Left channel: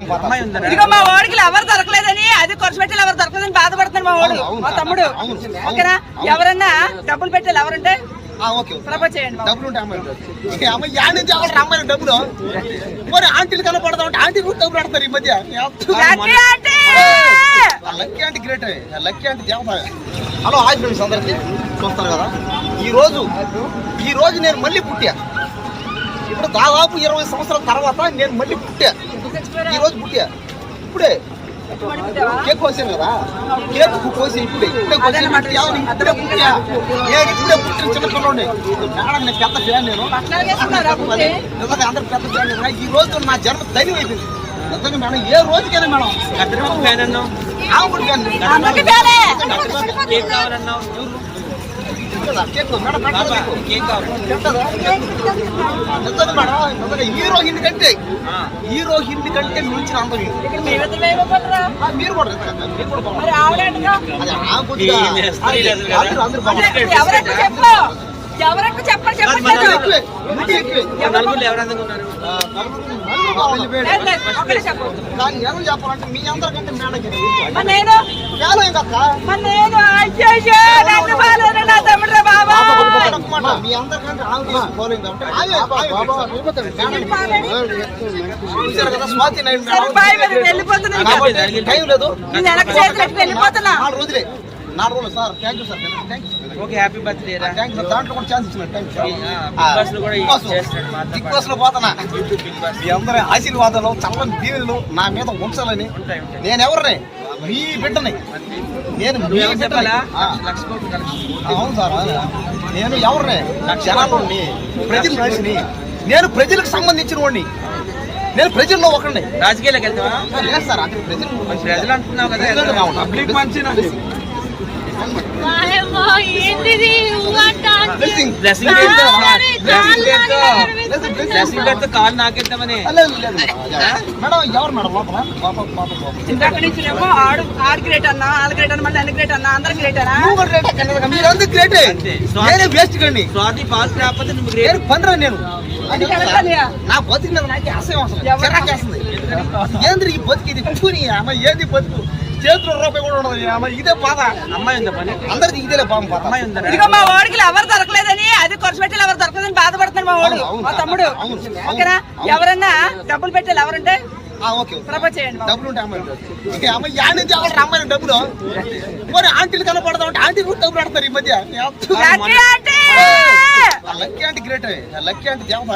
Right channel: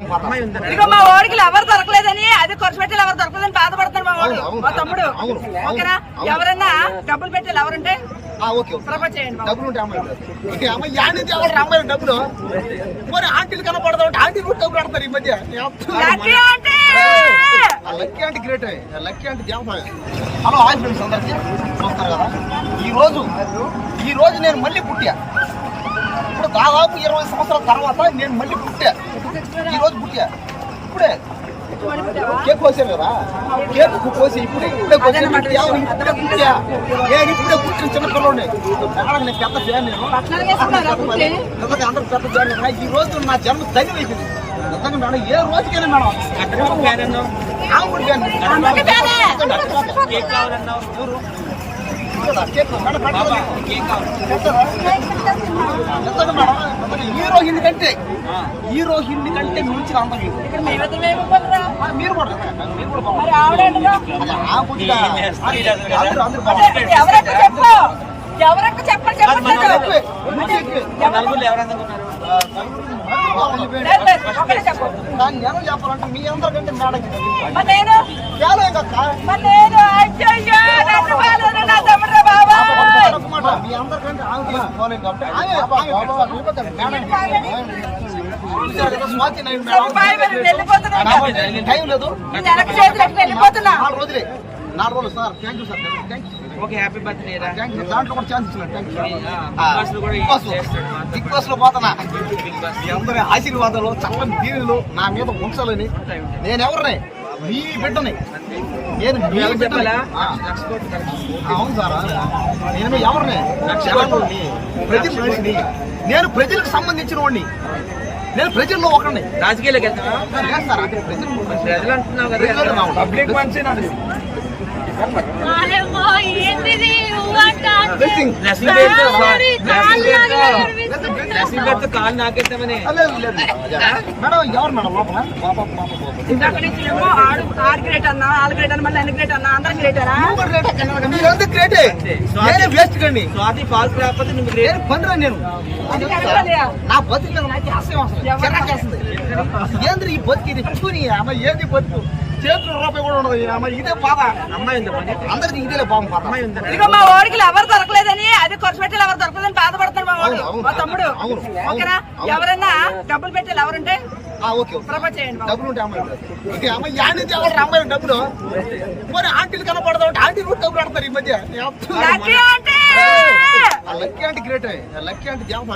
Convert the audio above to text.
ఇక మా వాడికి ఎవరు దొరకలేదని అది ఖర్చు పెట్టాలి ఎవరు దొరకలేదని బాధపడుతున్నాడు మా వాడు మా తమ్ముడు. ఓకేనా? ఎవరన్నా డబ్బులు పెట్టాలి ఎవరంటే ప్రపోజ్ చేయండి. డబ్బులు మరి ఆంటీలు కనపడదు ఆంటీ డబ్బులు పెడతారు ఈ మధ్య. లక్కీ అంటే గ్రేట్, లక్కీ అంటే దేవత. హలో హాయ్ ఫ్రెండ్స్ అందరికీ చూస్తారు కదా, ఈ రోజు నేను మళ్ళీ పుట్టా. ఇప్పుడు దాదాపు 20 సంవత్సరాల తర్వాత నేను మళ్ళీ పుట్టా. ఈ రోజు పుట్టా. ఇప్పుడే కేక్ కోసాను కదా, కేక్ కోసి ఇప్పుడే పుట్టా. నేను ఇప్పుడే పుట్టిన చిన్న పిల్లలు నేను పెద్ద ఫ్యాన్. నేను అందరు పెద్ద ఫ్యాన్. ఈ రోజు నా జన్మ ధైర్యం అయిపోయింది. మేడం ఏ రోజుకైనా మేడం హీరో హిందీ కంటే మించిన అందం మీరు కూడా చెప్పాలంటే మీ అందరికంటే మీ అందరికంటే స్వాతి టైం లేదు. 4 రోజులే 4 రోజులు sir. Thank you sir. Okay happy birthday. Thank you. దాంట్లో కూడా ఛాన్స్ ఇచ్చిన థ్యాంక్ యూ. బిగ్ బాస్ లో పోతున్నా. మీ అందరి ఆశీర్వాదాలు చల్లని దీవులు నా మీద ఉంచాలని. నేను ఎవరిని మీ బిడ్డని. నేను చెప్పాలా? అవును సార్, నేను ఎవరిని జనాలని ప్రజల మనిషిని. నేను ప్రజలకు సంబంధించిన వాడిని. నేను ప్రజల్లో ఒకరిని. రాజకీయాలకు లేదు సార్, అక్కడ ప్రజలు పబ్లిక్ మంచి కాలు నాకెత్తామని ఎవరు మేడం ఆరు గ్రేట్ అన్నా 4 గ్రేట్ అన్న మళ్ళీ 2 గ్రేట్ అన్నా అందరూ గ్రేట్. మీరందరూ గ్రేటే. వేస్ట్ కండి. స్వాతి పాస్ లేకపోతే నువ్వు పండురా. నేను నా బతుకు మీద నాకు ఆశయం అసలు చెరకేస్తుంది. ఏంద్ర ఈ బతికి చూని అమ్మ ఏది బతుకు చేతులు రూపాయి కూడా ఉండదు. ఇదే బాధ. అమ్మాయి అందరికి ఇదే బాధ. అమ్మాయి ఉంది. ఇక మా వాడికి ఎవరు దొరకలేదని అది ఖర్చు పెట్టాలి ఎవరు దొరకలేదని బాధపడుతున్నాడు మా వాడు మా తమ్ముడు. ఓకేనా? ఎవరన్నా డబ్బులు పెట్టాలి ఎవరంటే ప్రపోజ్ చేయండి. డబ్బులు అమ్మాయి డబ్బులు మరి ఆంటీలు కనపడదు ఆంటీ డబ్బులు పెడతారు ఈ మధ్య. లక్కీ లక్కీ అంటే గ్రేట్, లక్కీ అంటే దేవత.